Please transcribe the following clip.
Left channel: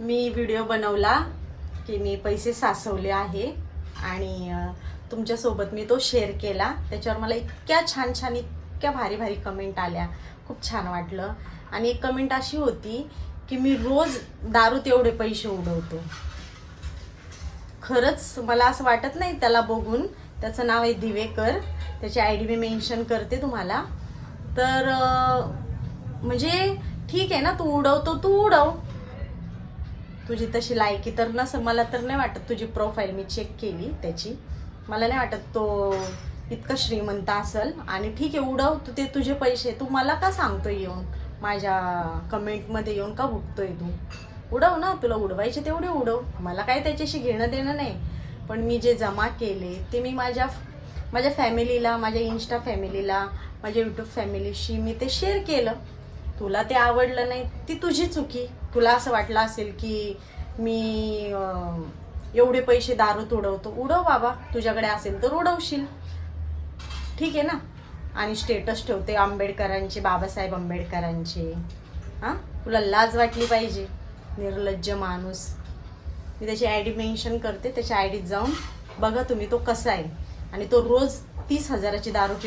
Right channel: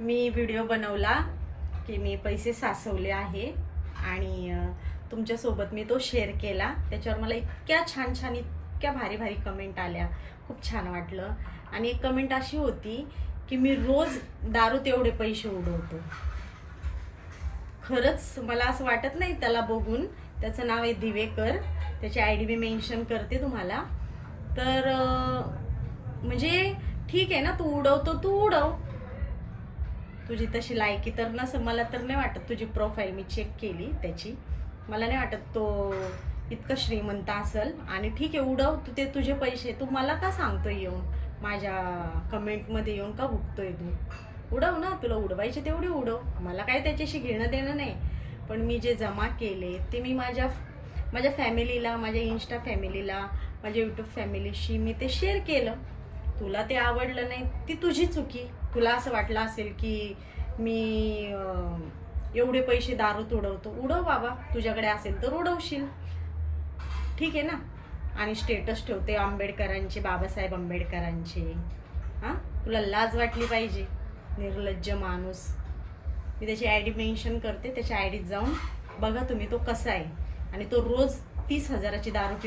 मी video बनवला की मी पैसे साचवले आहे आणि तुमच्यासोबत मी तो शेअर केला। त्याच्यावर मला इतक्या छान छान इतक्या भारी भारी कमेंट आल्या, खूप छान वाटलं। आणि एक कमेंट अशी होती की मी रोज दारूत एवढे पैसे उडवतो। खरंच मला असं वाटत नाही त्याला बघून। त्याचं नाव आहे दिवेकर, त्याची आयडी मी मेन्शन करते तुम्हाला। तर म्हणजे ठीक आहे ना, तू उडवतो तू उडव, तुझी तशी लायकी तर नसेल। मला तर नाही वाटत, तुझी प्रोफाईल मी चेक केली त्याची, मला नाही वाटत तो इतका श्रीमंत असेल। आणि ठीक आहे उडव तू, ते तुझे पैसे, तू मला का सांगतोय येऊन माझ्या कमेंटमध्ये येऊन का भुकतोय तू? उडव ना, तुला उडवायचे तेवढे उडव, मला काय त्याच्याशी घेणं देणं नाही। पण मी जे जमा केले ते मी माझ्या फॅमिलीला, माझ्या इन्स्टा फॅमिलीला, माझ्या यूट्यूब फॅमिलीशी मी ते शेअर केलं। तुला ते आवडलं नाही, ती तुझी चुकी। तुला असं वाटलं असेल की मी एवढे पैसे दारूत उडवतो, उडव बाबा, तुझ्याकडे असेल तर उडवशील, ठीक आहे ना। आणि स्टेटस ठेवते आंबेडकरांचे, बाबासाहेब आंबेडकरांचे। हां, तुला लाज वाटली पाहिजे, निर्लज्ज माणूस। मी त्याची आयडी मेन्शन करते, त्याच्या आयडीत जाऊन बघा तुम्ही तो कसा आहे। आणि तो रोज 30,000ची दारू पितो।